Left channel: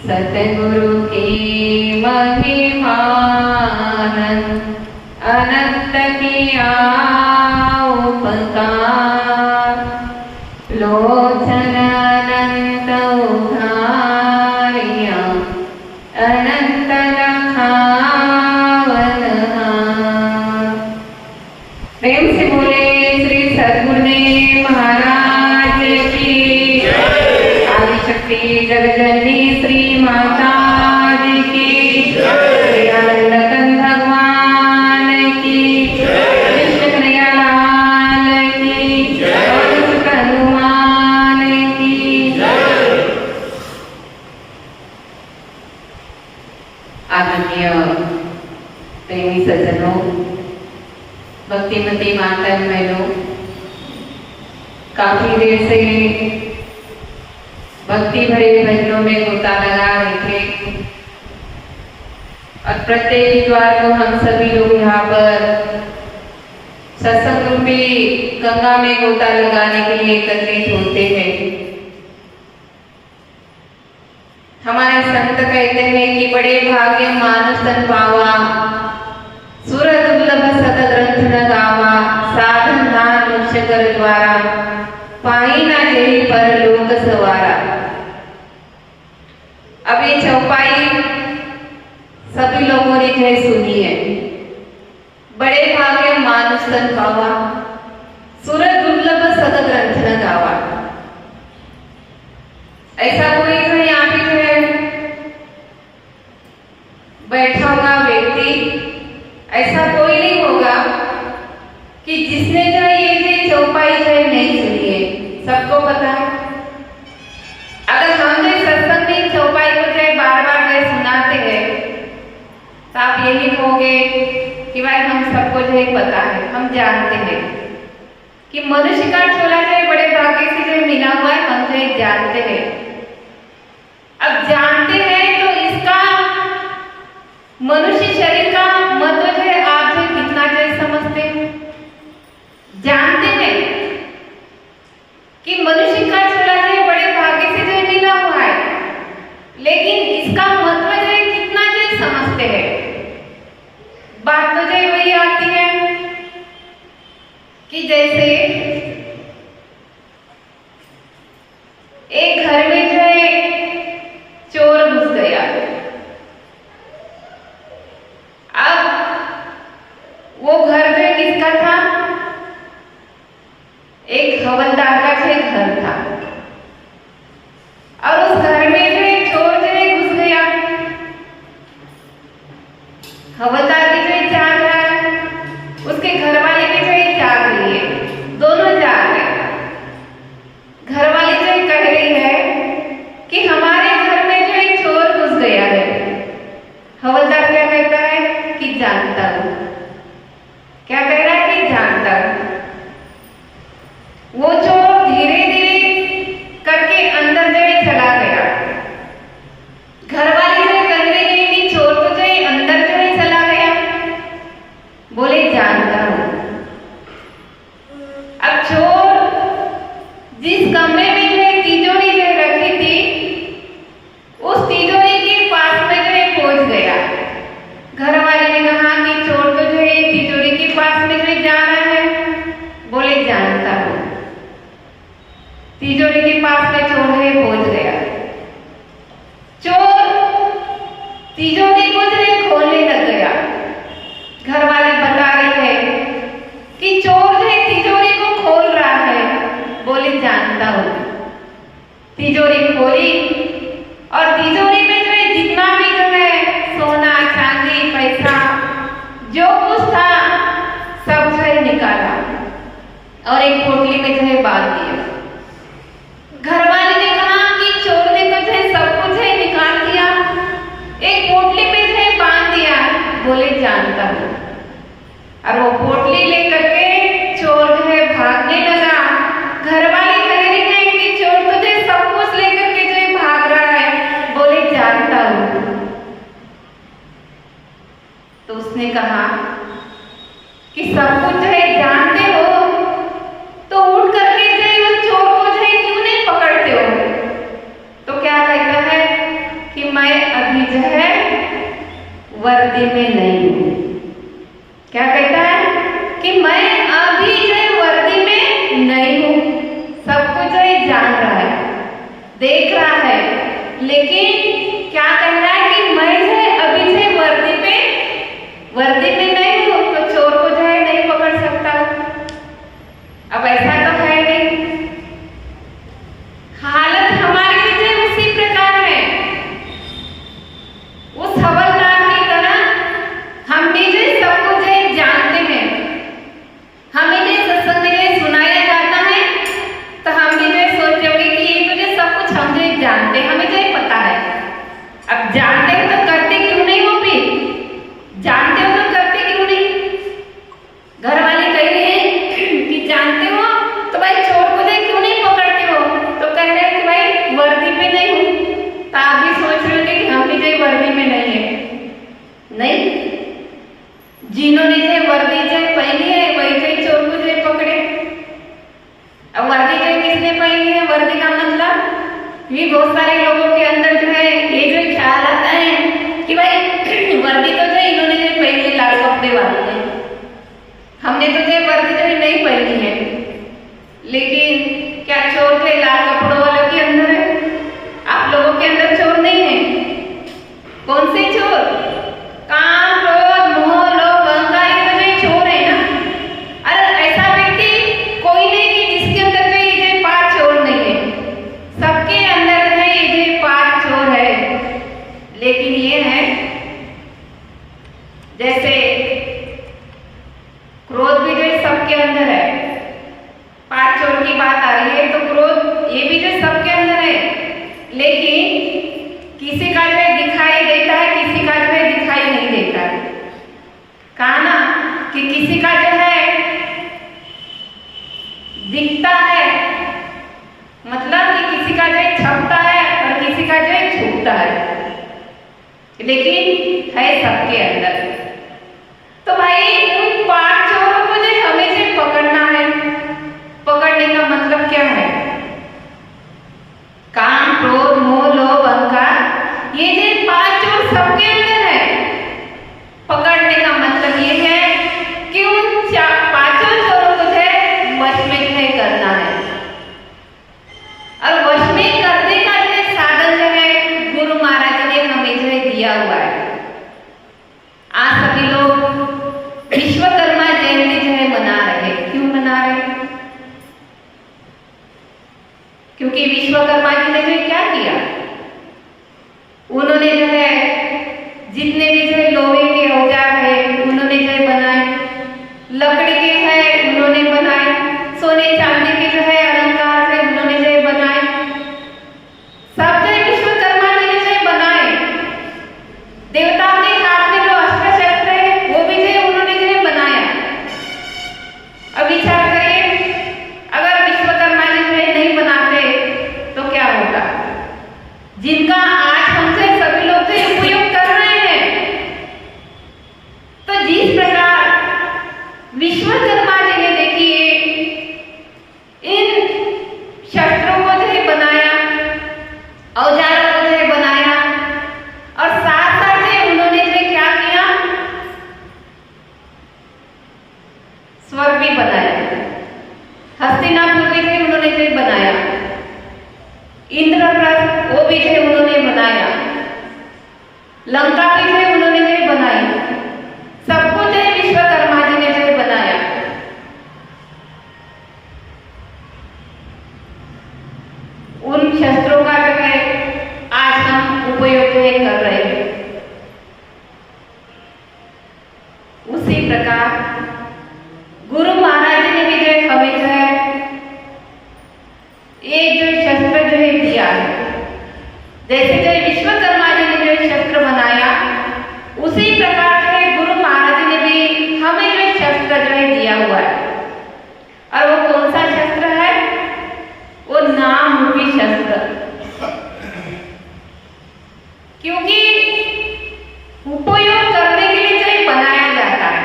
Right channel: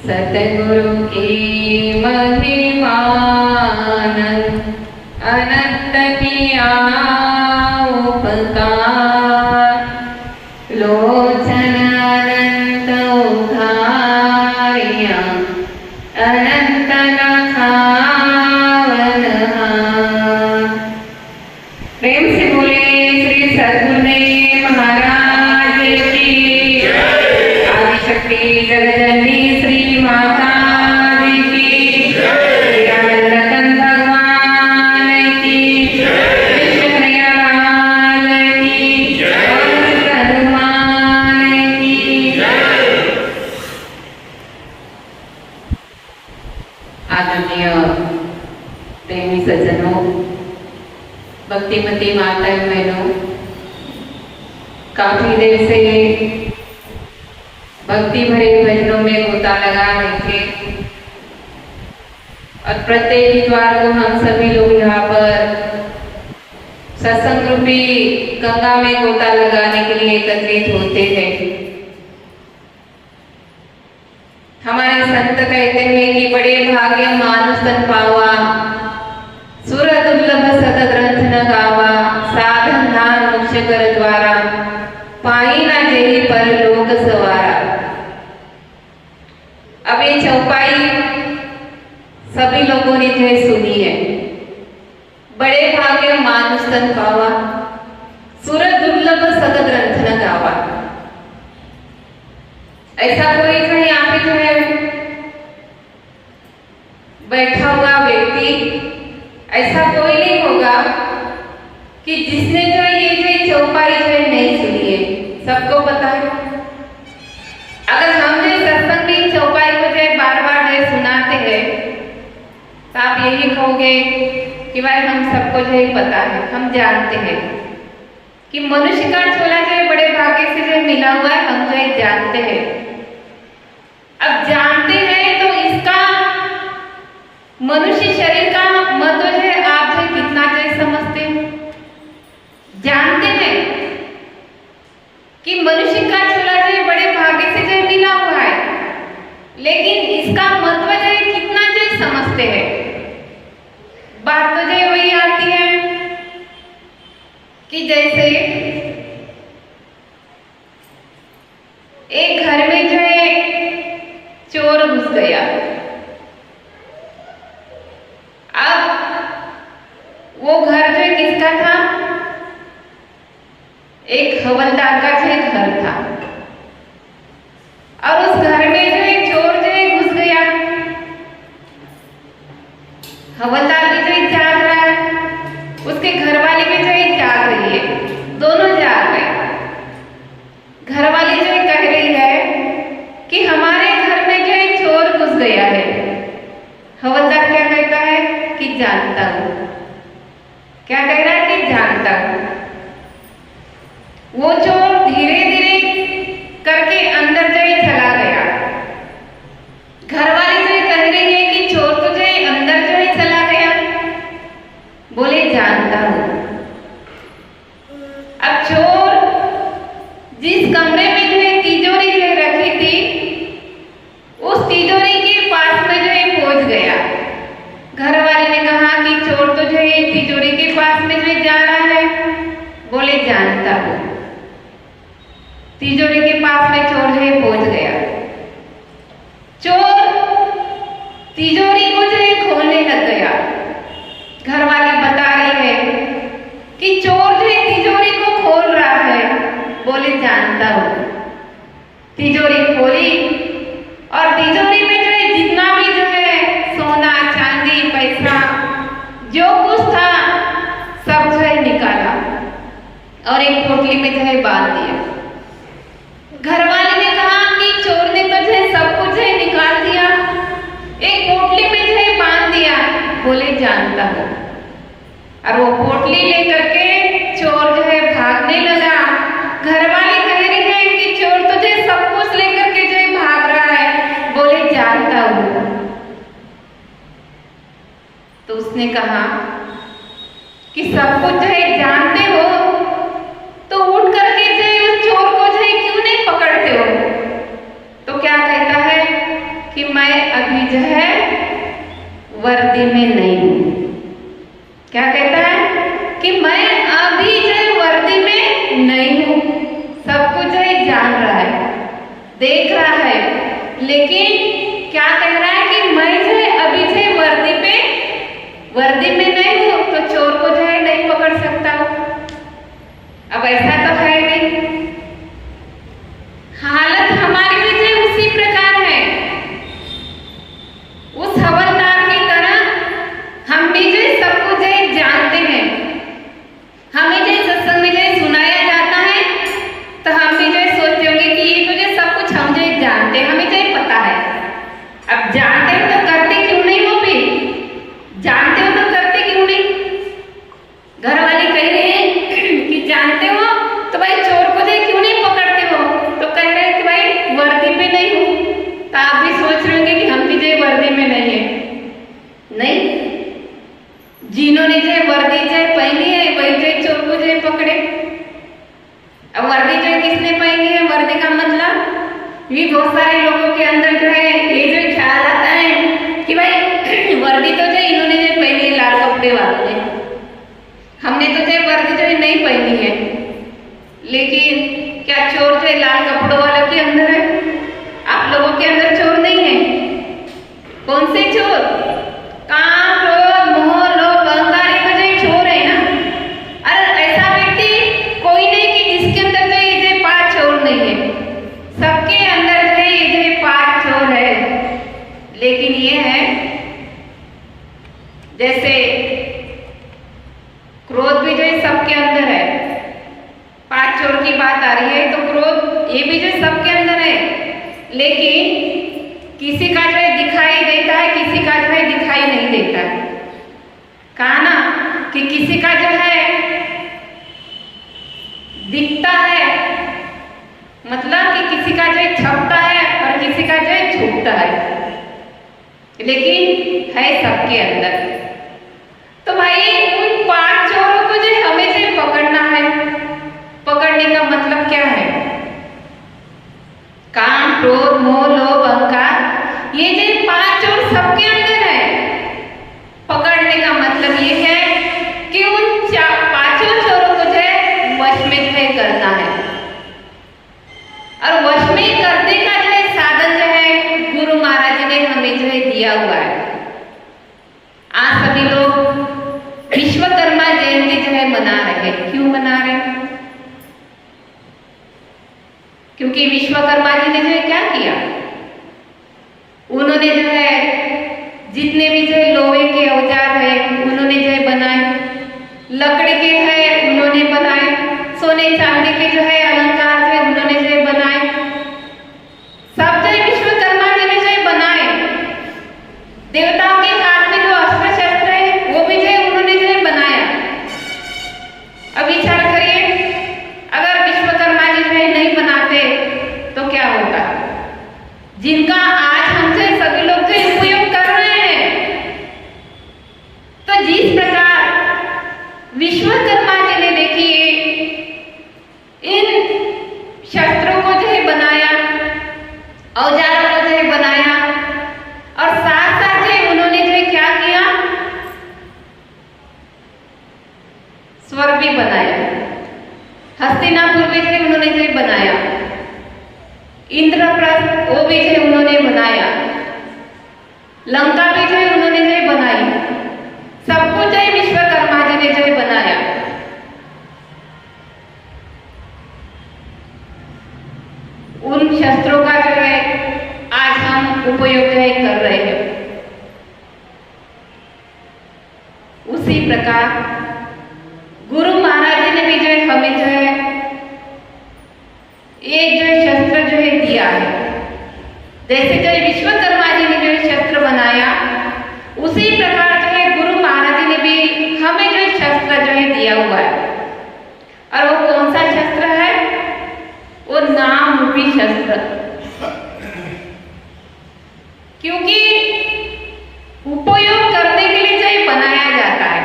सतगुरु की महिमानंद अनंत किया उपकार, लोचन अनंत उधारिया अनंत लखावनहार। प्रेम से बोले श्री सद्गुरुदेव महाराज की आदिशक्ति जगदम्बी श्री माता जी की रतन भगवान की विश्व कन्हैया लाल की हनुमान की। आदरणीय प्रेमी सज्जनों, भक्तिमती माता बहनों, काफी देर से भक्ति भरे भजनों में गोता लगा रहे थे और प्रत्येक इतवार को हम सभी लोग यहाँ पर सत्संग रूपी गंगा में गोता लगाने के लिए एकत्रित होते हैं। हमारे संत कहते हैं कि बड़े भाग्य मानुष तन पावा, सुर दुर्लभ सत ग्रंथ न गावा, साधन नाम मोक्ष कर द्वारा, पाई ना जेहि पर लोक सवारा। अब ये चौपाई सभी लोगों ने जो है सुनी है। बड़े भाग्य मानुष तन पावा, सुर दुर्लभ सत ग्रंथ न गावा। ऐसा कोई जो यहाँ पे जो है बैठा हुआ व्यक्ति ऐसा कोई नहीं होगा कि जिसने जो ये चौपाई जो है नहीं सुनी है। सबको पता है, अगर हम जो सत्संग में चौपाई को जो बार बार जो सुनाते हैं तो आप यही कहोगे कि भाई हम सबको जो पता है, हम जानते हैं कि मनुष्य का चोला जो बड़े भाग्य से जो मिला हुआ है, हम जो जानते हैं। अब जानते हैं तो इसका मनुष्य शरीर का महत्व जो है आप जो कितना जो समझते हैं। जानते हैं कि मनुष्य का चोला जो बड़े भाग्य से जो मिला हुआ है, लेकिन इसका महत्व जो कितना जो समझते हैं। बात तो जो वही आती है कि जैसे एक घर में जो है चोर घुस गया। अब वो घर जो किसका था? एक हवलदार का जो घर था और उस घर में जो चोर जो घुस गया। हवलदार भी जो जाग रहा है, उसके घर वाले भी जो जाग रही है, दोनों जाग रहे। घर वाली जो कह रही है कि हमारे घर में जो चोर घुस गया है। हवलदार क्या कहता है कि जानता हूं। क्या कह रहा है कि जानता हूं। वो चोर धीरे धीरे करके अंदर जो चला गया। घर वाले जो कह रहे हैं कि चोर तो जो अंदर जो चला गया। बोले जानता हूं। अब चोर जिस कमरे में जो तिजोरी जो रखी थी, उस तिजोरी के पास में जो पहुंच गया। घर वाले ने कहा कि चोर तो जो तिजोरी के पास में जो जा रहा है। बोले जानता हूं। तिजोरी के पास में चोर पहुंच गया। चोर तिजोरी को जो खोलने लग गया। घर वाली बता रही है कि चोर जो तिजोरी को खोल रहा है। बोले जानता हूं। तिजोरी खोली और तिजोरी में जो जितना भी जो सोना चांदी पैसा जो कुछ था सब जो निकाला और एक पोटली में जो बांध दिया। घर वाले ने कहा कि चोर ने तो जो सब कुछ निकाल दिया, एक पोटली में जो बांध दिया। बोले जानता हूं। और वो पोटली लेकर के चोर जो भागने लगा। घर वाले कह रही है कि चोर तो जो सब कुछ लेकर के जो भाग रहा है। बोले जानता हूं। तो उसने कहा कि सब कुछ जो जानते हो तो उठ करके जो चोर को जो क्यों नहीं पकड़ते हो? तो क्या कहता है कि वर्दी में नहीं हूँ तो चोर को जो है नहीं पकड़ सकता। अब ऐसा तो है नहीं। हालत हमारी भी जो उसी प्रकार है। उस हवलदार की तरह हम भी जो सबको जो जानते हैं। हमें जो सत्संग में जो सुनाया जाता है तो हम भी जो सोचते होंगे कि ये तो जो सब कुछ हम जो जानते हैं, हमें जो पता है। अब जानते हो तो करते क्यों नहीं वो भी? जानते हो तो करते क्यों नहीं? घर वाले कह रहे हैं कि जानते हो तो भाई चोर को जो क्यों नहीं पकड़ते हो? तो कह रहे हैं कि भाई वर्दी में नहीं हूँ। तो आप भी सोच रहे होंगे कि हम भी जो वर्दी में नहीं है। नहीं, जिन्होंने जो वर्दी जो पहनी है वही जो चोर को जो पकड़े। अब वर्दी जो किसने पहनी है? वर्दी का मतलब भी बहुत सारे लोगों के अंदर जो है ये जो ख्याल आता है कि भाई वर्दी तो जो इन्होंने जो पहनी लाल कपड़े वाले हैं, हमने तो जो वर्दी जो नहीं पहनी है। लेकिन क्या चोर जो लाल कपड़ों वालों के अंदर है? आप लोगों के अंदर चोर नहीं है? कौन से चोर? काम, क्रोध, मोह, लोभ, अहंकार, ये तो चोर है ना। अरे ऐसा व्यक्ति कोई नहीं कि जिसके अंदर जो ये 5 चोर नहीं है। सबके अंदर जो ये 5 चोर है। लेकिन ये है जैसे क्रोध भी जो सबके अंदर है। 5 चोर की बात आ रही है तो क्रोध ये भी जो सबके अंदर है। लेकिन किसी का जो दिखाई देता है, किसी का जो दिखाई नहीं देता है। कहा ना कि किसी का जो है दिखता है, मतलब कि किसी का जो छपता है और किसी का जो छुपता है, लेकिन है सबके अंदर। तो भाई उन 5 चोरों को जो हमें जो पकड़ना है, पकड़ने का मतलब क्या है? काम, क्रोध, मोह, लोभ, अहंकार, ये जो 5 चोर सबके अंदर है। पकड़ने का मतलब ये है कि उन 5 चोरों को जो वश में जो करना है। और वश में करने का जो साधन जो है गुरु महाराज ने हमें जो दिया हुआ है। आज सभी लोग विश्वकर्मा जयंती जो है मना रहे हैं। क्यों मना रहे हैं? क्योंकि विश्वकर्मा जी ने जो क्या किया, उन्होंने जो है जितने भी जो लोहे के औजार है उन्होंने जो बनाए, लकड़ी के है उन्होंने बनाए, सोने चांदी के जो है अलंकार है उन्होंने जो बनाए। सब जो विश्वकर्मा जी ने जो बनाए। देवताओं के हाथ में जो अस्त्र शस्त्र है वो भी जो उन्होंने जो बनाया। अब विचार करिए, अगर विश्वकर्मा जी जो नहीं बनाते तो क्या होता? जिनका आज हमसे सभी लोग जो उपयोग कर रहे हैं। तो जिस प्रकार विश्वकर्मा जी ने देखिए इन शस्त्रों को जो बनाया, औजारों को जो बनाया, और साथ साथ जो उन्होंने जो क्या किया, स्वर्ग भी बनाया। हस्तिनापुर भी जो उन्होंने जो बनाया, इंद्रप्रस्थ वो भी जो उन्होंने बनाया, लंका भी जो उन्होंने जो बनाई। सब कुछ जो विश्वकर्मा जी ने जो बनाया। उन शस्त्रों का जो है आज हम उपयोग जो कर रहे हैं। उसी प्रकार गुरु महाराज जी ने भी जो हमें जो है एक जो शस्त्र जो है दिया है। जैसे जो विश्वकर्मा जी ने जो शस्त्र बनाया, उसी प्रकार जो है गुरु महाराज जी ने भी हमें जो शस्त्र जो है दिया हुआ है। और वो कौन सा शस्त्र है? वो नाम रूपी शस्त्र। क्योंकि उपयोग करने के लिए जो बनाया जाता है।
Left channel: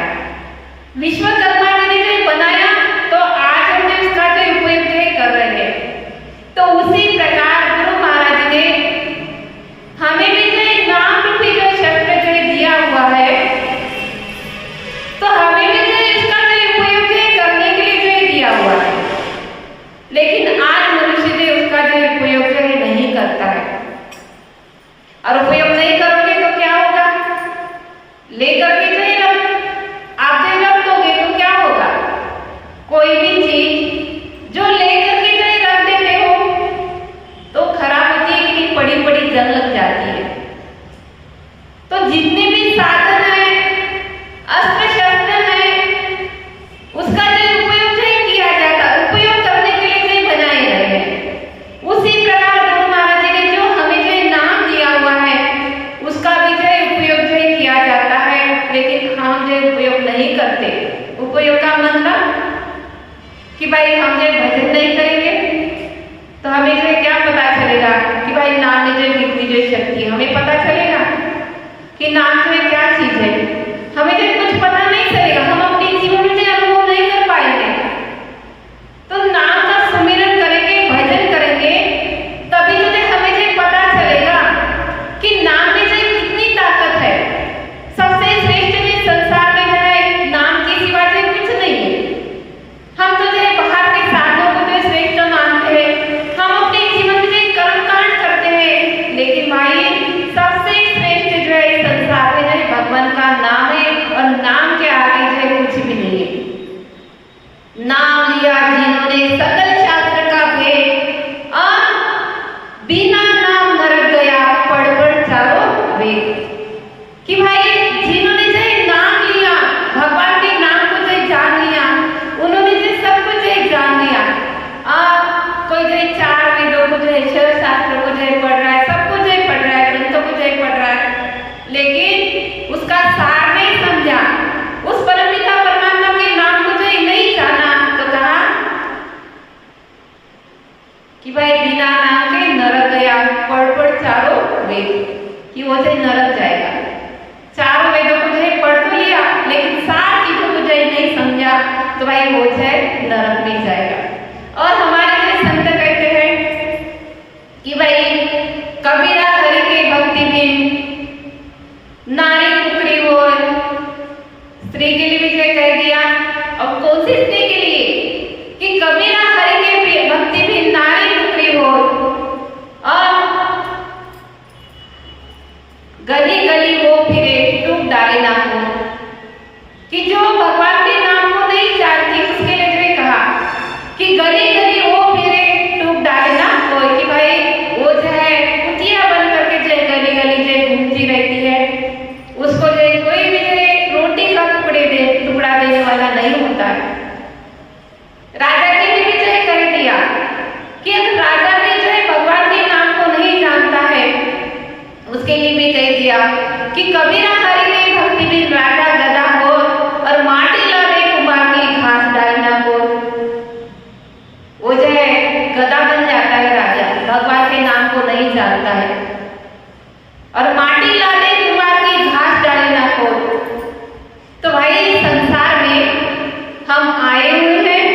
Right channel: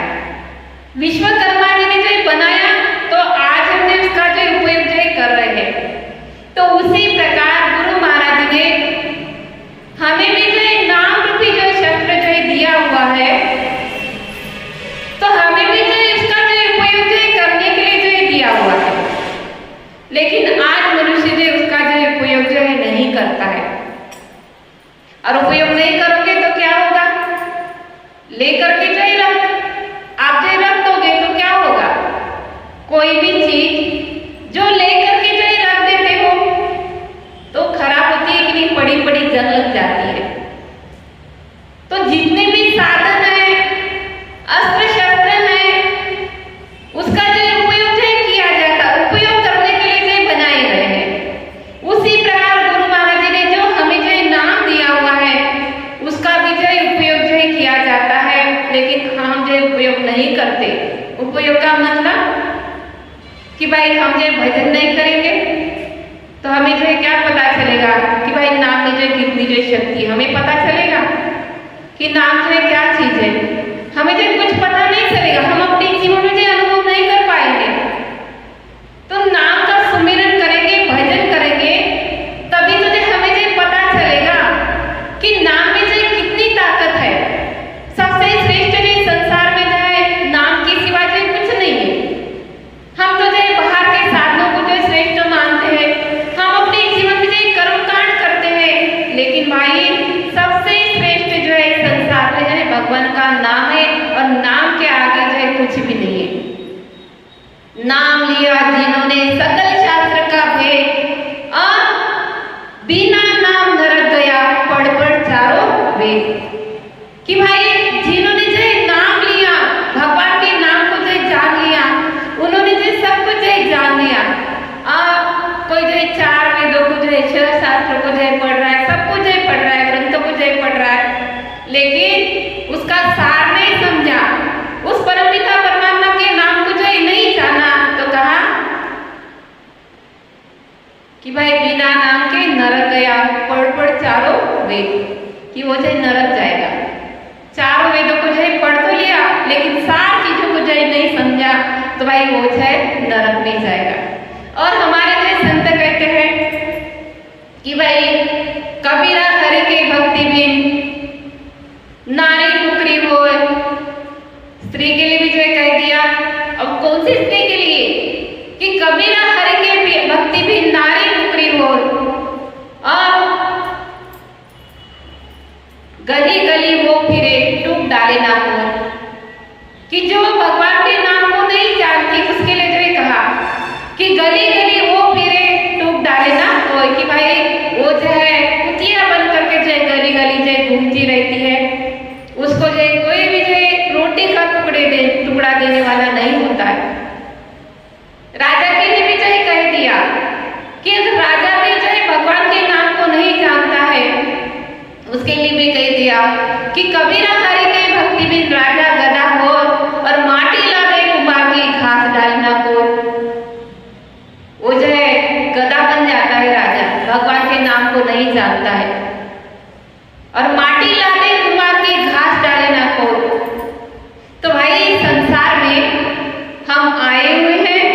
विश्वकर्मा जी ने जो बनाया तो आज हम जो इसका जो उपयोग जो कर रहे हैं। तो उसी प्रकार गुरु महाराज जी ने हमें भी जो नाम रूपी जो शस्त्र जो दिया हुआ है, तो हमें भी जो इसका जो उपयोग जो करने के लिए जो दिया हुआ है। लेकिन आज मनुष्य जो उसका जो उपयोग जो नहीं करता है। और उपयोग नहीं करोगे तो क्या होगा? लेकर के जो कि नाम जो है क्या चीज है। हमें जो कुछ पता नहीं चलेगा, हम अपने जीवन में जो अनुभव नहीं कर पाएंगे। तो नाम का सुमिरन करेंगे, भजन करेंगे, तभी तो जो हमें जो पता चलेगा कि नाम में जो कितनी ताकत है। सबसे श्रेष्ठ भी संसार में जो है नाम की सिवा जो कुछ नहीं है। हम तो जो बाहर के साधनों को जो श्रेष्ठ मानते हैं, हम अपने जीवन में जो कर्म कांड करते हैं, लेकिन भाई सबसे श्रेष्ठ जो है संसार में जो है भगवान का नाम है, और नाम के आगे जो है कुछ भी नहीं है। नाम लिया जिन्होंने सकल शास्त्र का भेद, और बिना नाम नरक गया पढ़ पढ़ चारों वेद। कि भाई जिन्होंने जो नाम लिया, भगवान के नाम को जो जान लिया, उन्होंने जो सब कुछ जो जान लिया। कोई जो चार वेदों को जो है, छह शास्त्रों को जो पढ़ रहा है, सब कुछ जो पढ़ रहा है, ग्रंथों को जो पढ़ रहा है, लेकिन उसका सार नहीं समझा, उस परमपिता परमात्मा के नाम को जो नहीं जाना, तो कहा कि भाई बिना नाम के नरक गया पढ़ पढ़ चारों वेद, कि वो जो नरक जाएगा। चारों वेदों को जो पढ़ तो लिया, लेकिन सार चीजों को जो नहीं समझा, तो भाई वो जो नरक में जाएगा। और हमारे जो संत कहते हैं कि भाई कबीरा हरि के भक्ति बिन नारी कुकरी हो। स्त्री के लिए भी जो कह दिया, और कौन सी स्त्री के लिए, कि कबीरा हरि के भक्ति बिन नारी कुकरी हो। और गली गली वो फिरे टूट डाले ना को, कि जो भगवान के नाम को नहीं जानती उसके लिए जो कहा कि गली गली वो फिरे टूट डाले ना कोई। कि भाई वो जो है कुटिया बन करके जो गली गली जो घूमती रहती है, उसको जो कोई भी जो रोटी का टुकड़ा देने वाला नहीं होता है। राजा के लिए भी जो कह दिया कि अगर राजा भी जो है भगवान के नाम को नहीं जानता है, उसके लिए भी कह दिया कि कबीरा हरि के भक्ति बिन राजा गदा हो, और माटी लावे कुमार की घास डालना को। वो जो है गदा बन जाता है राजा, भगवान के नाम को नहीं जानता है, और माटी लावे कुमार की घास डालना को। तो भाई संसार में हम आए हुए हैं,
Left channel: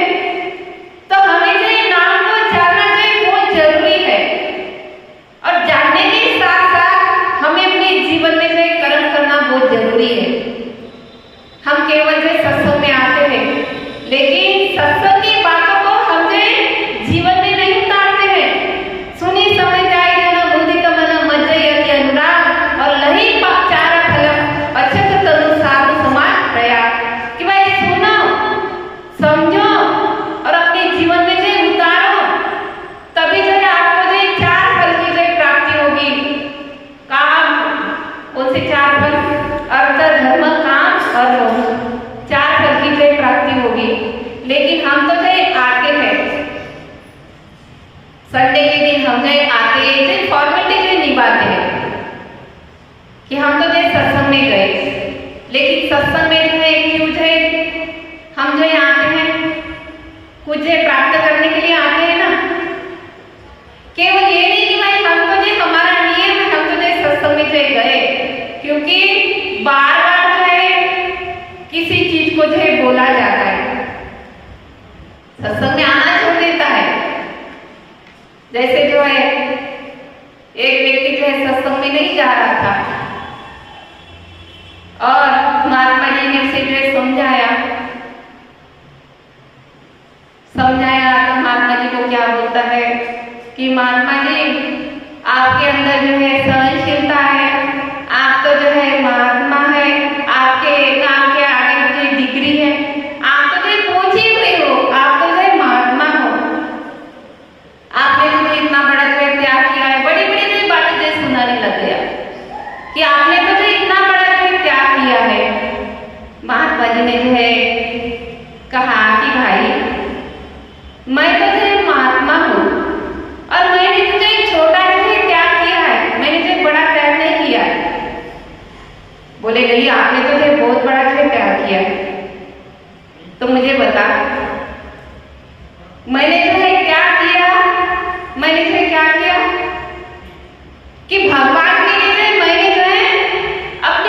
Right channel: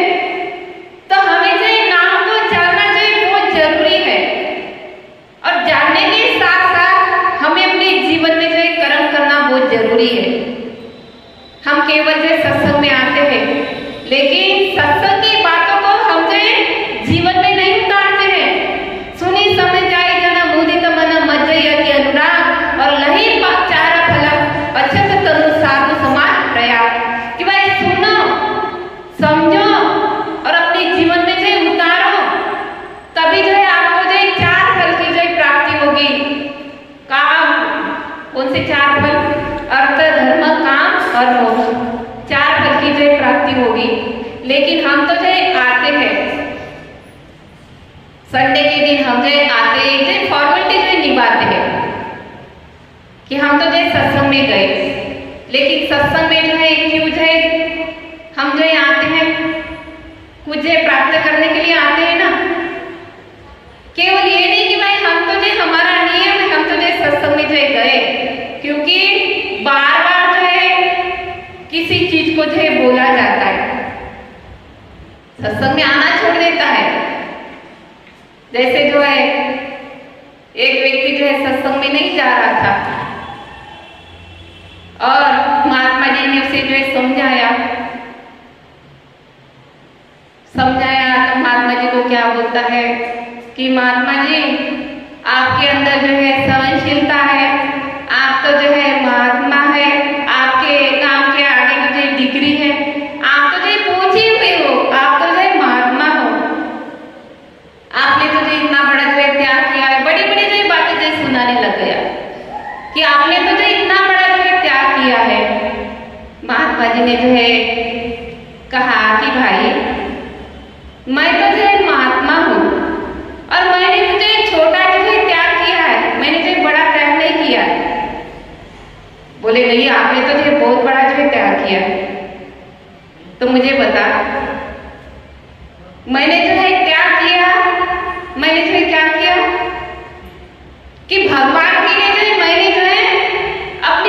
तो हमें जो नाम को जानना जो बहुत जरूरी है, और जानने के साथ साथ हमें अपने जीवन में जो कर्म करना बहुत जरूरी है। हम केवल जो सत्संग में आते हैं, लेकिन सत्संग की बातों को हम जो जीवन में नहीं उतारते हैं। सुनी समझ जाए जन बुद्धि तमन मज्जयति अनुराग, और लही चारा फलक अछत तनु साधु समाज प्रयाग। कि भाई सुनो, समझो, और अपने जीवन में जो उतारो, तभी जो है आपको जो चार फल की जो प्राप्ति होगी। काम, कौन से चार फल? अर्थ, धर्म, काम और मोक्ष, चार फल की जो प्राप्ति होगी। लेकिन हम तो जो आते हैं संडे के दिन, हम जो आते हैं जो फॉर्मेलिटी जो निभाते हैं, कि हम तो जो सत्संग में गए, लेकिन सत्संग में जो है क्यों जो हम जो आते हैं, कुछ प्राप्त करने के लिए आते हैं ना। केवल ये नहीं कि भाई हम तो जो हमारा नियम है, हम तो जो सत्संग में जो गए, क्योंकि बार बार जो है किसी चीज को जो बोला जाता है, सत्संग में आना छोड़ देता है। जैसे जो है एक व्यक्ति जो है सत्संग में नहीं जा रहा था, और महात्मा जी ने उसे जो है समझाया। तो महात्मा जी को क्या बोलता है कि महात्मा जी आपके अंदर जो है सहनशीलता है, आप तो जो है महात्मा है, आपके नाम के आगे जो डिग्री है, आप तो जो पहुंची हुई हो, आप तो जो है महात्मा हो, आपने तो इतना बड़ा जो त्याग किया है। बड़ी बड़ी जो बातें जो सुनाने लग गया कि आपने तो जो इतना बड़ा जो त्याग किया है। महात्मा जी ने जो है कहा कि भाई मैं तो जो महात्मा हूँ, और मैंने तो जो छोटा जो है त्याग किया है, मैंने जो बड़ा त्याग नहीं किया है। बोले नहीं, आपने तो जो बहुत बड़ा जो है त्याग किया है। तो मुझे बता, मैंने जो है त्याग किया, मैंने जो है क्या किया कि भगवान के लिए जो है मैंने जो है अपने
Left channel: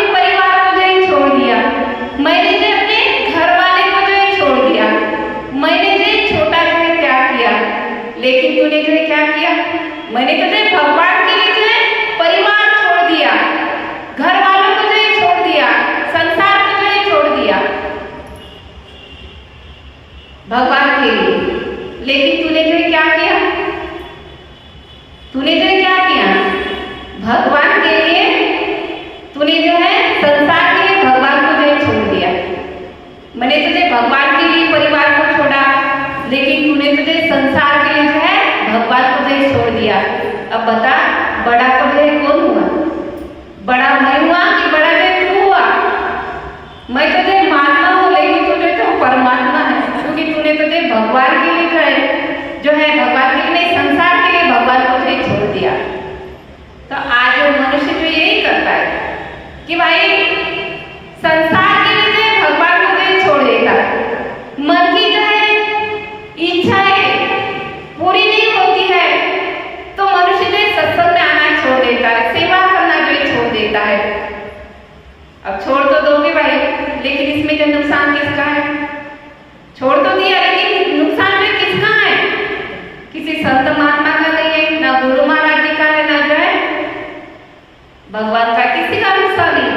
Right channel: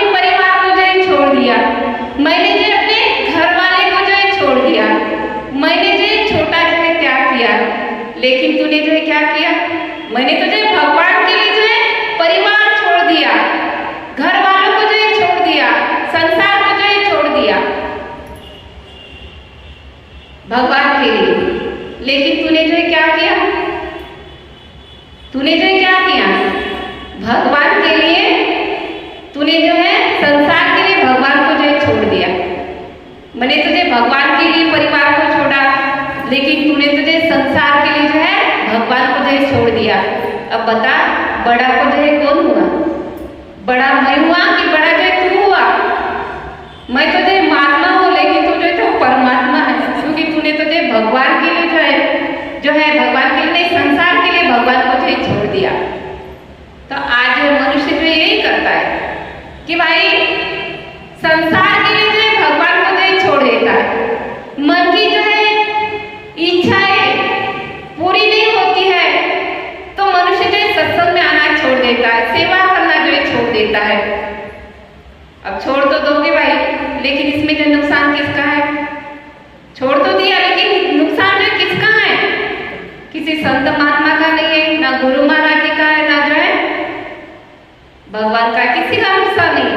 भगवान का किसी का नुकसान नहीं,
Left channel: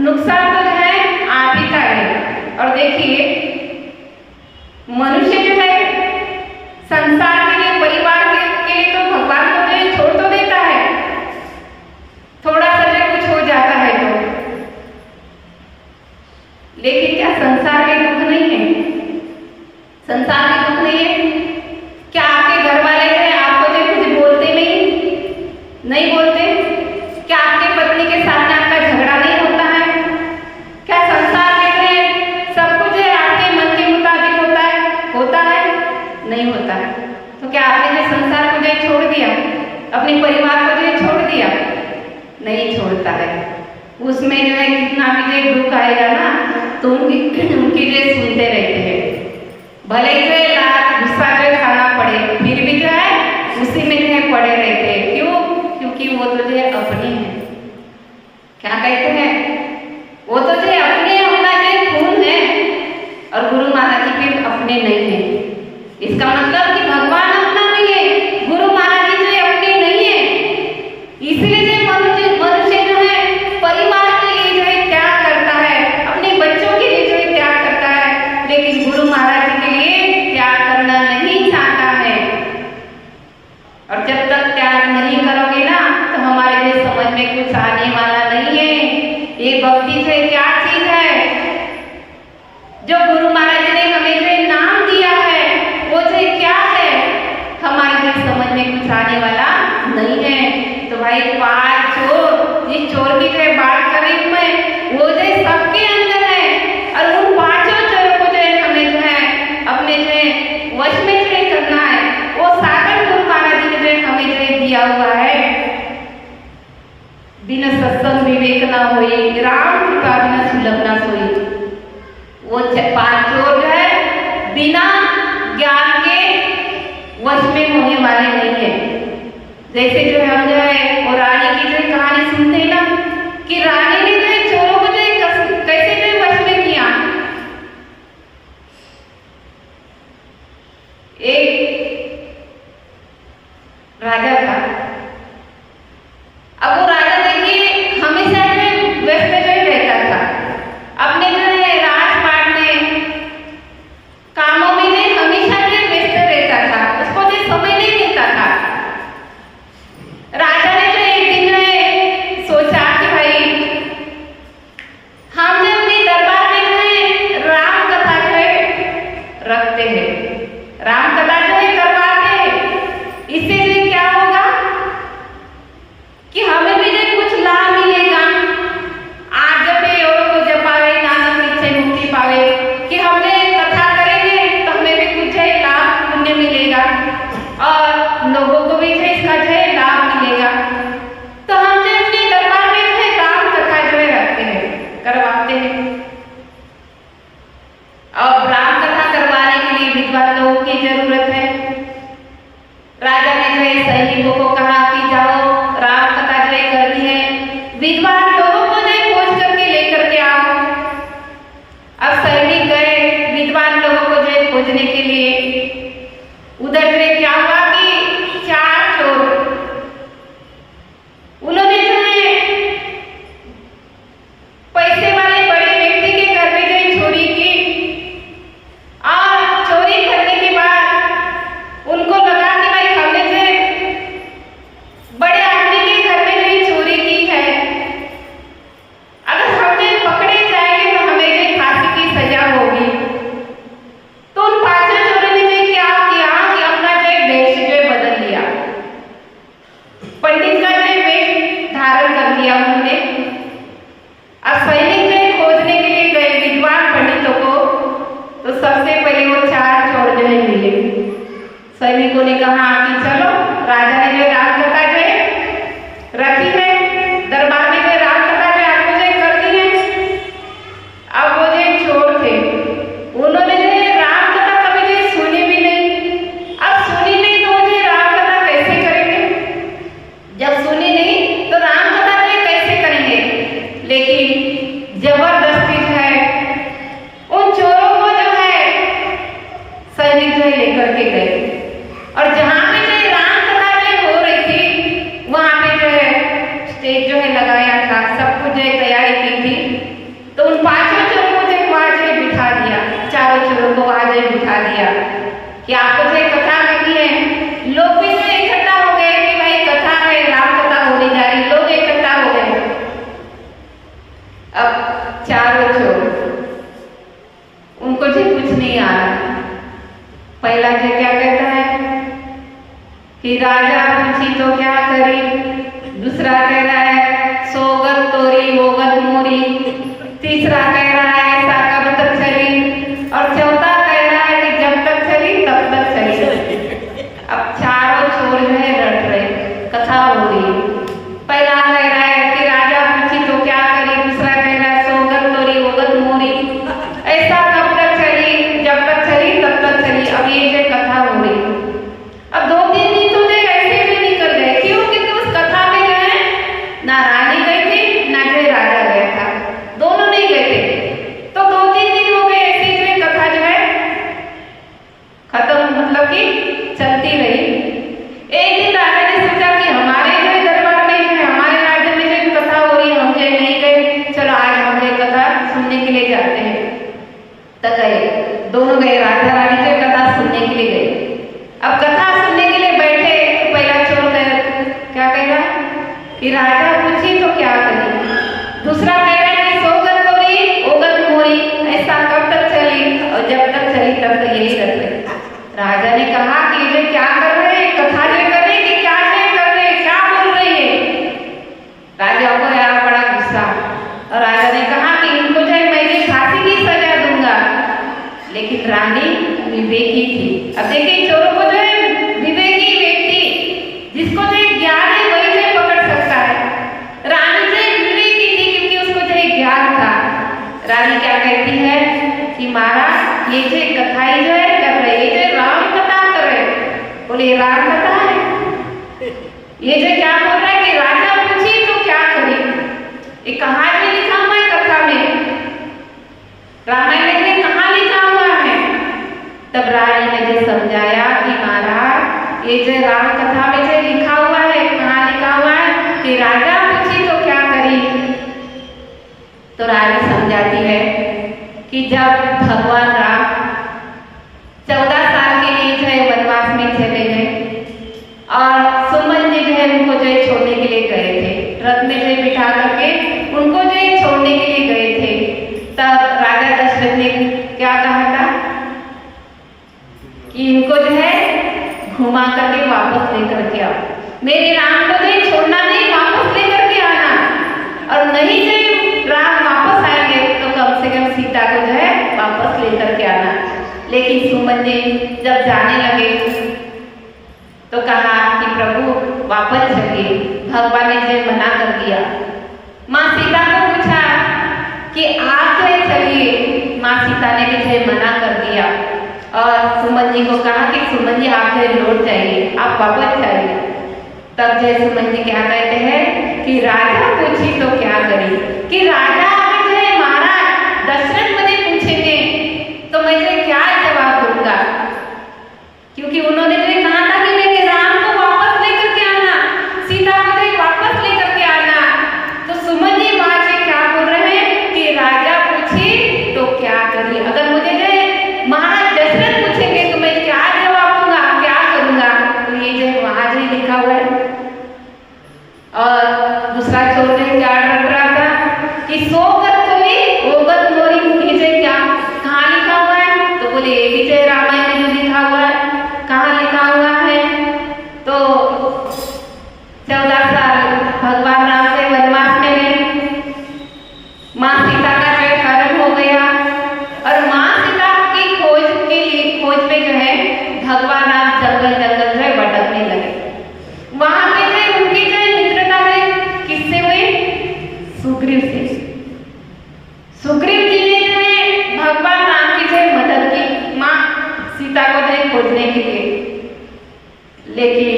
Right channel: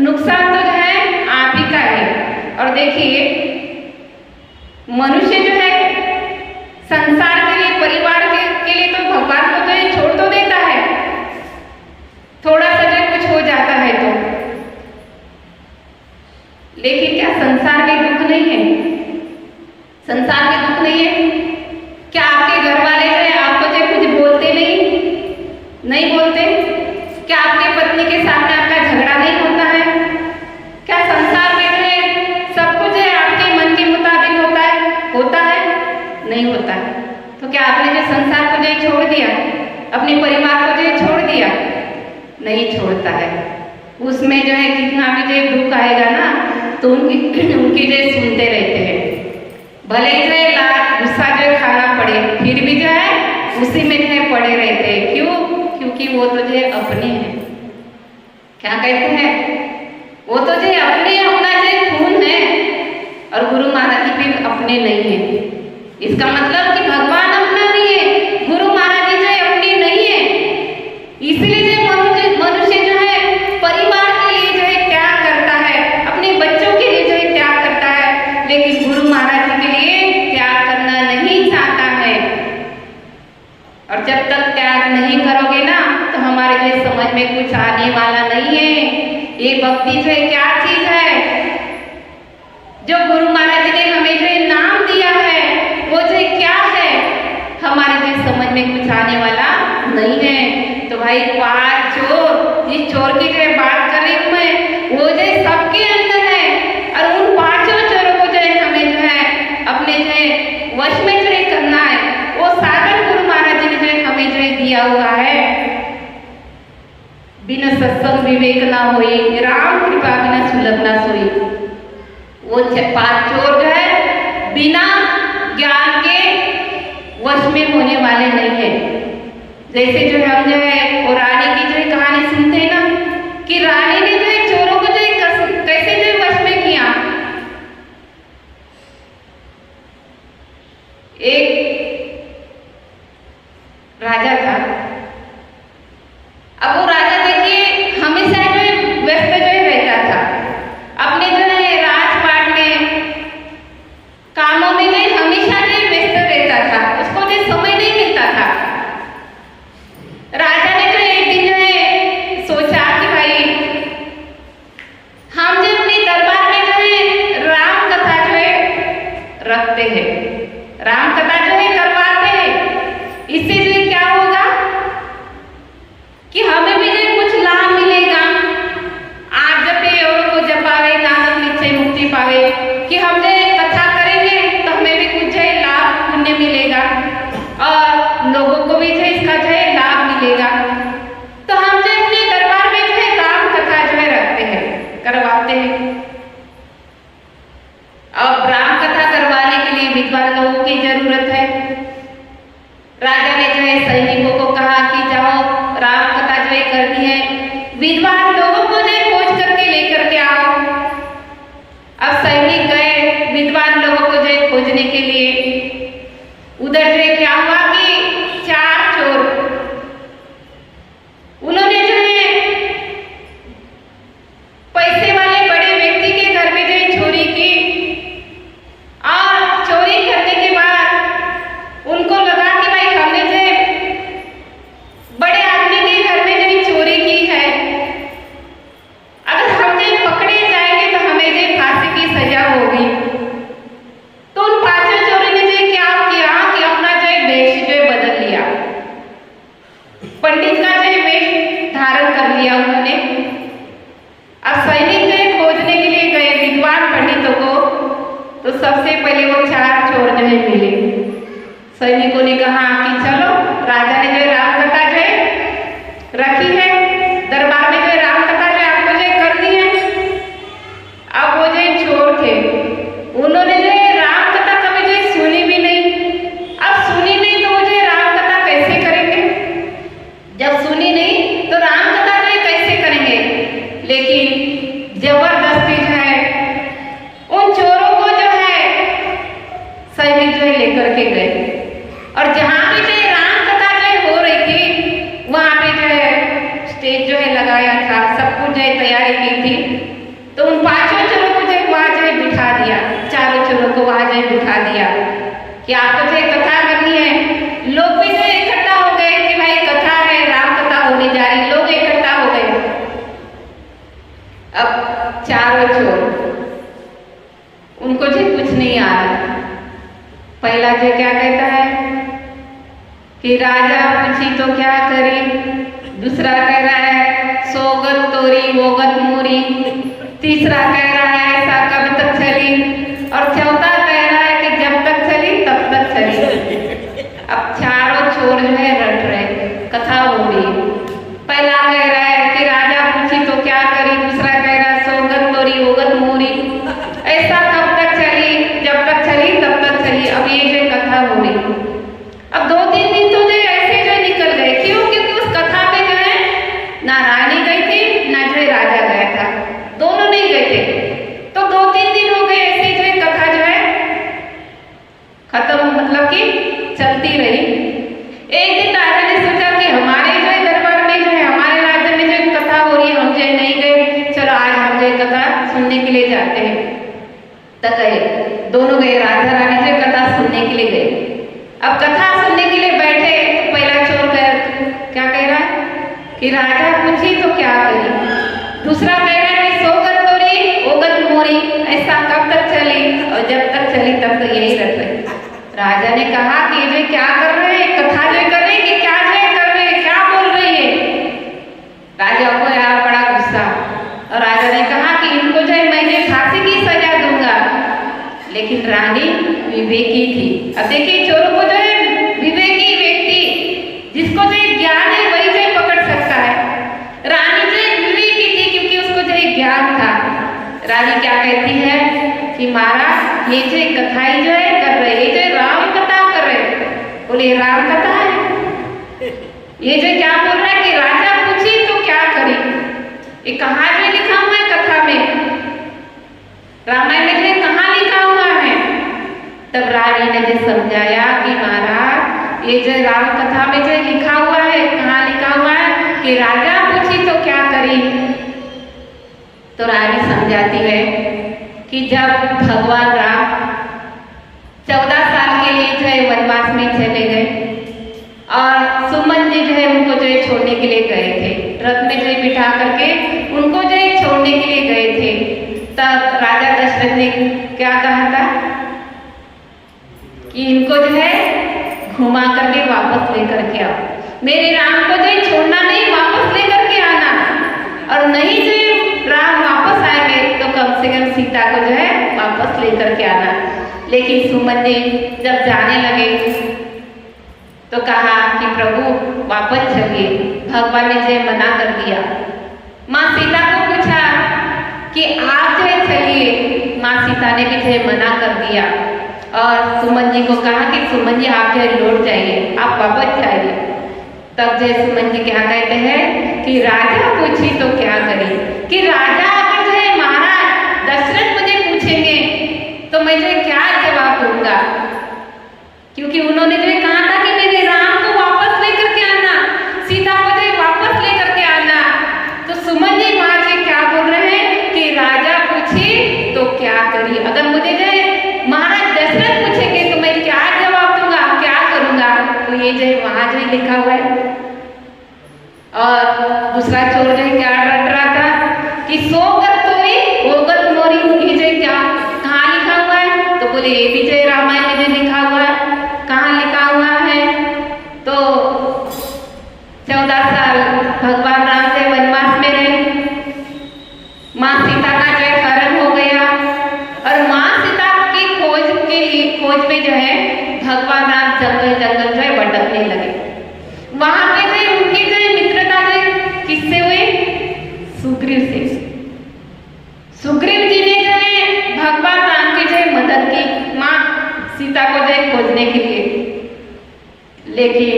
नुकसान तो जो है आप ही का है। और देखिए मनुष्य जो है संसार के लिए, परिवार के लिए तो भगवान को जो है छोड़ तो देता है, थोड़ा सा जो कुछ हो जाता है तो, लेकिन क्या संसार के दुख नहीं है? संसार के दुख नहीं है? क्या आपके घर वाले जो है आपको जो कुछ बोलते नहीं बोलते? क्या आपकी पत्नी के साथ में आपका झगड़ा नहीं होता है? क्या संसार में जो है सब कुछ है आपके मन के मुताबिक होता है? होता है? नहीं होता है। तो क्या आपने जो संसार को जो छोड़ दिया, अपने परिवार को जो छोड़ दिया? नहीं छोड़ता है। उसमें जो है कितना भी जो दुख आएगा ना तो उनकी जो सुनते रहते हैं, भले ही जो है लाख गुस्सा जो खाना पड़े फिर भी जो है उसी में जो है पड़े रहते हैं। क्यों? क्योंकि वो तो जो है अपने हैं। क्या कहते हैं? वो तो जो है अपने, अपना जो खून है, और गुरु महाराज जी फिर अपने नहीं है। इसका मतलब कि भगवान अपना नहीं है, गुरु महाराज जी जो है अपने नहीं है। इसलिए मनुष्य जो है परिवार के लिए जो है त्याग करता है, अपने बच्चों के लिए जो है त्याग करता है, लेकिन गुरु महाराज जी के लिए त्याग करना नहीं चाहता है। और जब तक त्याग नहीं करोगे ना तो हमारे लिए समझ में कुछ आने वाला नहीं है। ये भक्ति जो है क्या चीज है? जो गुरु महाराज जी ने हमें जो नाम दिया है वो जो क्या है, हमारे लिए समझ में कुछ आने वाला नहीं है। तो भाई पांच चोर, इस चोर की जो बात कर रही हूँ मैं, वो जो सबके अंदर है, और उन पांचों चोरों को जो हमें जो है अपने जो वश में जो करना है। वो साधन गुरु महाराज जी ने जो हमें जो दिया हुआ है। बिना सत्संग विवेक ना होई, राम कृपा बिना सुलभ ना सोई। वो पांच चोर जो है बिना ज्ञान के वश में होने वाले नहीं है। जैसे जो हम जो है वो रानी की जो कहानी सुनते हैं ना, कि रानी ने जो चोरों को जो कैसे जो वश में किया। एक राजा था। अब वो राजा देखिए हमेशा जो व्यस्त जो रहता था, अपने जो है राजपाट में, कामों में जो हमेशा जो व्यस्त रहता था, उसको जो समय नहीं मिलता था। राजा ने जो एक दिन जो है सोचा कि भाई हम जो अपने दरबार में जो है राम कथा जो है रखते हैं, राम कथा जो है करवाते हैं। इससे जो क्या होगा कि हमें भी जो कुछ लाभ मिलेगा। आप जपे और को जपावे नानक निश्चय मुक्ति पावे, कि हमने कथा करेंगे तो हमें भी कुछ है लाभ पुण्य मिलेगा, और लोगों को भी जो इसका जो है लाभ मिलेगा। तो हम जो अपने दरबार में जो है राम कथा जो है रखते हैं, करवाते हैं। अब राम कथा करवाने के लिए विद्वान लोगों की जरूरत है। राजा ने जो है सैनिकों को कहा कि जाओ राम कथा जो है करनी है, विद्वान लोगों को जो खोज करके लेकर के आओ। अब सैनिक गए विद्वान लोगों को जो है खोजने के लिए। उधर जो है क्या हुआ कि चार चोर, उन्होंने जो है पैसे वाले बड़े व्यक्ति के घर में जो है चोरी की, और चोरी करने के बाद उनको लगा कि भाई हमने जो है बड़े आदमी के घर में जो है चोरी की है, अगर हमने पकड़े जाएंगे तो हमें जो फांसी की सजा होगी। तो उन पांचों चोरों ने जो क्या किया कि अपना जो वेश जो बदल लिया, पंडित का जो वेश धारण कर लिया उन्होंने। अब सैनिक जो खोजने के लिए गए विद्वान पंडितों को, तो सबसे पहले वो चार चोर जो है मिले। सैनिकों ने कहा कि चलो, राजा ने जो राम कथा जो है रखी है, दरबार में जो राम कथा जो आपको जो कर दी है। अब वो जो चोर थे उन्होंने जो राम कथा कभी जो सुनी भी नहीं। अब सुनी नहीं तो मुझे राम कथा कैसे करेंगे? जब सुनी नहीं तो राम कथा जो कैसे पहला जो क्या कहता है कि राजा पूछी तो क्या करी, दूसरा कह रहा है सोगत तोरी वोगत मोरी, तीसरा कह रहा है ऐसा कब तक चली, और चौथा कह रहा है कि जब तक चली तब तक चली। अब चारों छोर जो है रट रहे, कथा हो रही। पहला कह रहा है कि राजा पूछी तो क्या करी, दूसरा कह रहा है सोगत तोरी वोगत मोरी, ऐसा कब तक चली, जब तक चली तब तक चली। अब ये जो कथा हो रही, अब 2-3 दिन तो जो ऐसे जो निकल गए, क्यों? क्योंकि उस कथा पे जो है ना रानी गई थी ना जो राजा गया था, दोनों नहीं गए थे। तो 2-3 दिन हो गए ऐसे जो कथा जो है खत्म, मतलब कि चलती रही। एक दिन राजा ने सोचा कि हमारे जो दरबार में जो है, हमारे राज्य में जो कथा हो रही है, हम जो नहीं गए, चलो आज हम जो कथा सुनने के लिए जाते हैं। तो गए, दोनों गए, राजा रानी जो कथा सुनने के लिए गए। अब कथा सुनने के लिए बैठे, पहला चोर क्या कह रहा कि राजा पूछी तो क्या करी, दूसरा कह रहा है कि सोगत तोरी ओगत मोरी, ऐसा कब तक चली, और जब तक चली तब तक यही रख रहे। राजा ने कहा कि ये क्या कर रहे हैं, कथा जो कर रहे हैं कि क्या जो कर रहे हैं, क्या बोल रहे हैं। राजा को आया बड़ा गुस्सा, और राजा ने कहा कि इनको जो है मैं फांसी की सजा दूंगा। लेकिन रानी विवेकी थी। अब देखिए चोरों को जो है विवेकी व्यक्ति जिसको जो ज्ञान है वही जो पकड़ सकता है। रानी जो विवेकी थी क्योंकि उसको जो ज्ञान था। रानी क्या कहती है कि महाराज ये जो कथाई जो है कर रहे, ये जो राम कथा कर रहे, बोले राम कथा है, ये जो क्या बोल रहा है कि राजा पूछी तो क्या करी, ये कहाँ में लिखा हुआ है कथा में, रामायण में कहाँ लिखा हुआ है। तब रानी ने जो समझाया कि महाराज ये जो राम कथा में जो लिखा हुआ है, कहाँ लिखा हुआ है कि राजा पूछी तो क्या करी। तो रानी समझाती है कि जब भगवान राम 14 साल के लिए जो है वनवास में चले गए, और सुमन जी जो है उनको जो है छोड़ने के लिए गए थे, रथ में जो है बिठा करके उनको जो है छोड़ने के लिए गए थे। तब राजा दशरथ ने क्या कहा था कि इनको जो है घुमा करके वापस लेकर के आओ, मेरे राम को जो है छोड़ना नहीं, वापस लेकर के आना, और नहीं जो राम वापस आएंगे तो कम से कम सीता को जो है वापस लेकर के आना। लेकिन सुमन जी जब जाने लगे तो कहा कि प्रभु वापस चलिए, भगवान ने जो मना कर दिया। माँ सीता को पूछा कि आप जो चलिए, माँ सीता ने भी जो मना कर दिया, और सुमन जी को कहा कि सुमन जी आप जो लौट जाइए, आप वापस जाइए। तब जो सुमन जी क्या कहते हैं कि राजा पूछी तो क्या करी, कि राजा अगर जो है महाराज दशरथ मुझे पूछेंगे तो मैं जो क्या जवाब दूंगा, क्योंकि उन्होंने जो कहा था कि मेरे राम को वापस लेकर के आना, सीता को जो वापस लेकर के आना। तो सुमन जी वहां से क्या बोल रहे हैं कि राजा पूछी तो क्या करी, अगर मुझे जो महाराज दशरथ पूछेंगे तो मैं क्या जवाब दूंगा, क्या करूंगा। तो ये जो वहां जो लिखा हुआ है। और दूसरा चोर जो क्या रट रहा था कि सोगत तोरी ओगत मोरी, ये जो क्या कहाँ लिखा हुआ है, तो बोले ये भी जो रामायण में जो लिखा हुआ है, कहाँ लिखा हुआ है। तो 14 साल भगवान राम से वनवास में रहे, माँ सीता का जो कर्म हो गया, और माँ सीता की खोज पे जो है भगवान राम जंगल जंगल जो है भटकने लगे। वहां पे जो उनकी जो मित्रता जो किससे हुई, सुग्रीव से। सुग्रीव जी ने जो है भगवान राम की जो मदद की माँ सीता को जो खोजने के लिए। लेकिन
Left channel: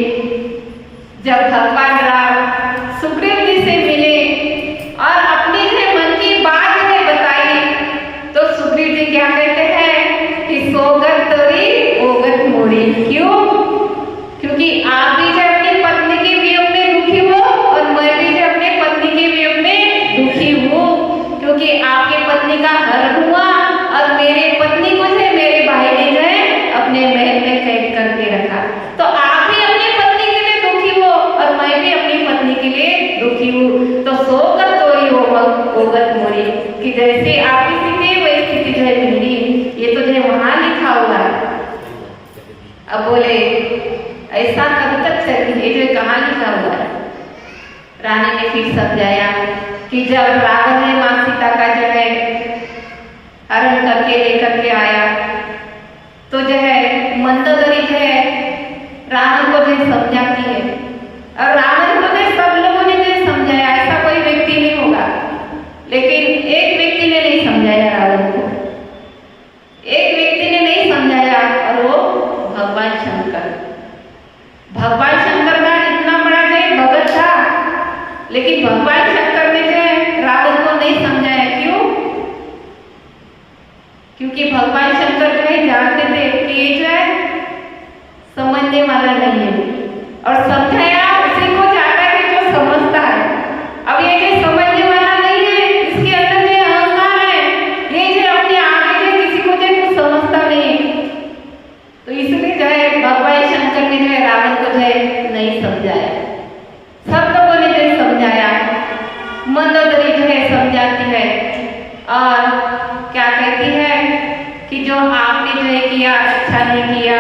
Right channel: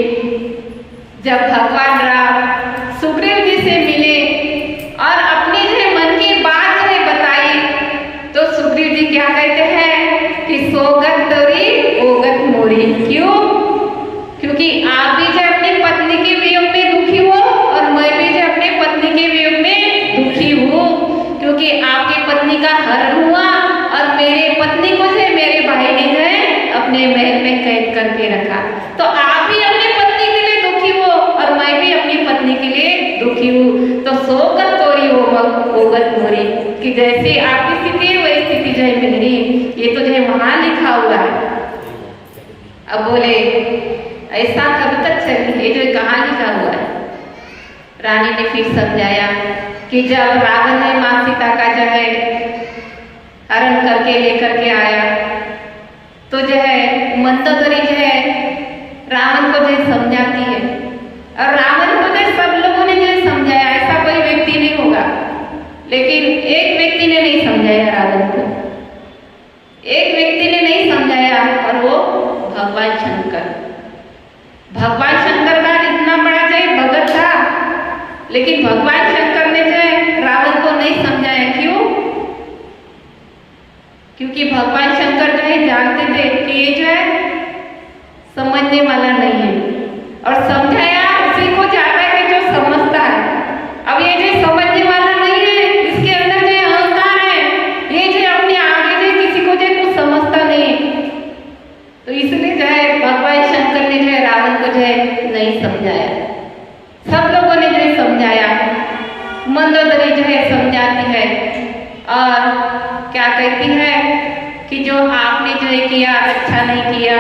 जब भगवान राम सुग्रीव जी से मिले और अपनी जो मन की बात जो बताई, तो सुग्रीव जी क्या कहते हैं कि सोगत तोरी ओगत मोरी। क्यों? क्योंकि आप भी जो अपनी पत्नी के वियोग में दुखी हो, और मैं भी जो अपने पत्नी के वियोग में दुखी हूँ, क्योंकि आपकी पत्नी का हरण हुआ, और मेरे पत्नी को जो मेरे भाई ने जो है अपने महल में कैद करके रखा। तो आप भी अपनी पत्नी के लिए दुखी हो, और मैं भी अपनी पत्नी के लिए दुखी हूँ। तो सोगत तोरी ओगत मोरी, कि जैसे आपकी स्थिति वही स्थिति जो है मेरी। ये तो जो है वहां लिखा हुआ है। अब बोले ऐसा कब तक चलेगी, ये जो कहानी का हुआ है। रानी ने फिर समझाया कि जब रावण ने माँ सीता का जो है हरण करके लेकर के आया तो जो है मंदोदरी जो है रावण को जो समझाती है, और रावण को जो सब लोगों ने जो समझाया, ऐसा कोई व्यक्ति नहीं होगा, लेकिन एक व्यक्ति ने नहीं समझाया रावण को, एक व्यक्ति ने नहीं समझाया, और वो भगवान शंकर। भगवान शंकर का इतना बड़ा जो भगत था, लेकिन भगवान शंकर ने जो रावण को नहीं समझाया। क्यों? क्योंकि भगवान शंकर जो है जानते थे कि ये जो है समझने वाला नहीं है, और समझाया उसी को जाता है जो समझता है। अब ये जो समझने वाला नहीं है, इसके अंदर जो अहंकार है, ये जो अपने आगे जो किसी को जो कुछ समझता नहीं, तो इसलिए जो है भगवान शंकर ने जो है रावण को जो है नहीं समझाया। सब लोगों ने जो है समझाया, मंदोदरी जो है समझाती है और क्या कहती है कि जो आपने जो है किया अच्छा नहीं किया,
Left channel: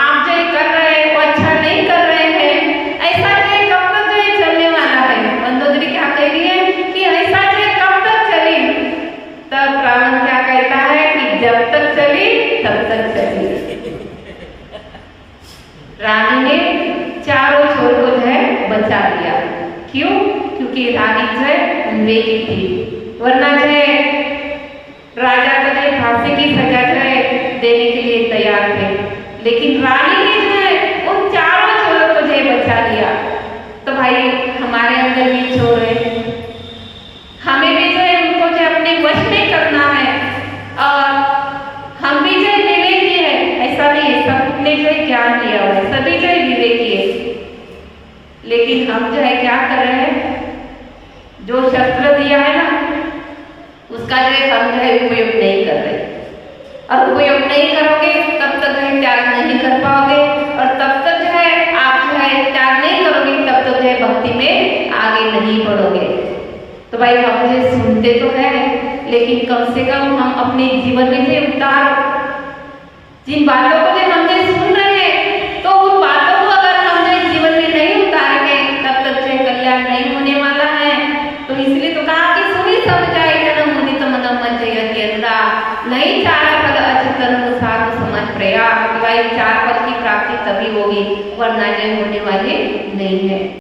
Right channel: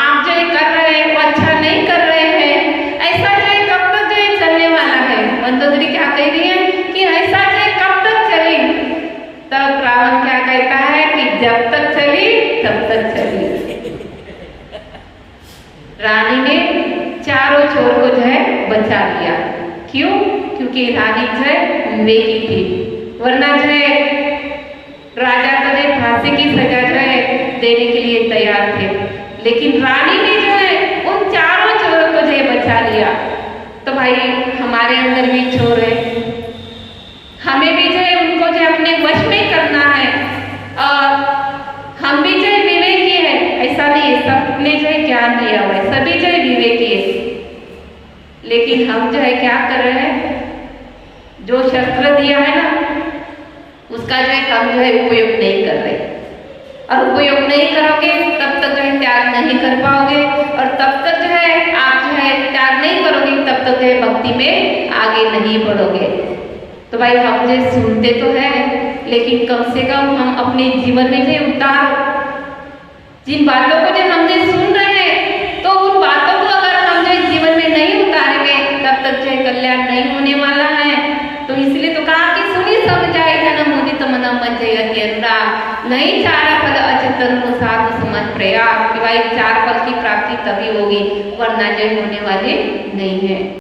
आप जो है कर रहे हैं वो अच्छा नहीं कर रहे हैं, ऐसा जो है कब तक जो है चलने वाला है। मंदोदरी क्या कह रही है कि ऐसा जो है कब तक चली। तब रावण क्या कहता है कि जब तक चली तब तक चली। रानी ने चारों छोर को जो है बचा लिया। क्यों? क्योंकि रानी जो है विवेकी थी, वरना जो है राजा को जो फांसी की सजा जो है देने के लिए तैयार थे, लेकिन रानी ने जो है उन चारों चोरों को जो है बचा लिया। तो भाई हमारे अंदर भी चोर है, हमें भी जो है उनको जो अपने वश में करना है, और हम भी जो है विवेकी है। ऐसा नहीं है सबने जो है ज्ञान लिया हुआ है, सभी जो है विवेकी है, लेकिन हम जो है क्या कर रहे हैं, जो शस्त्र दिया है ना उसका जो है हम जो है उपयोग नहीं कर रहे, और उपयोग नहीं करोगे तब तक जो है त्याग नहीं कर पाओगे, और तब तक जो है आप जो है त्याग नहीं करोगे तब तक जो है भक्ति में आगे नहीं बढ़ोगे। तो भाई हम जो सुनते तो है, लेकिन कम से कम हम अपने जीवन में जो उतार, जिन बातों को जो हम जो सुन रहे हैं, तो उन बातों को अगर हम जो जीवन में नहीं उतारेंगे तब तक जो है कल्याण नहीं होने वाला है। तो इसलिए तो कहा कि सुनी समझाए नहीं चारा पद अचेतन को साथ समझ प्रयास, कि भाई चार पद की प्राप्ति तभी होगी, वरना जय होने वाले नहीं है।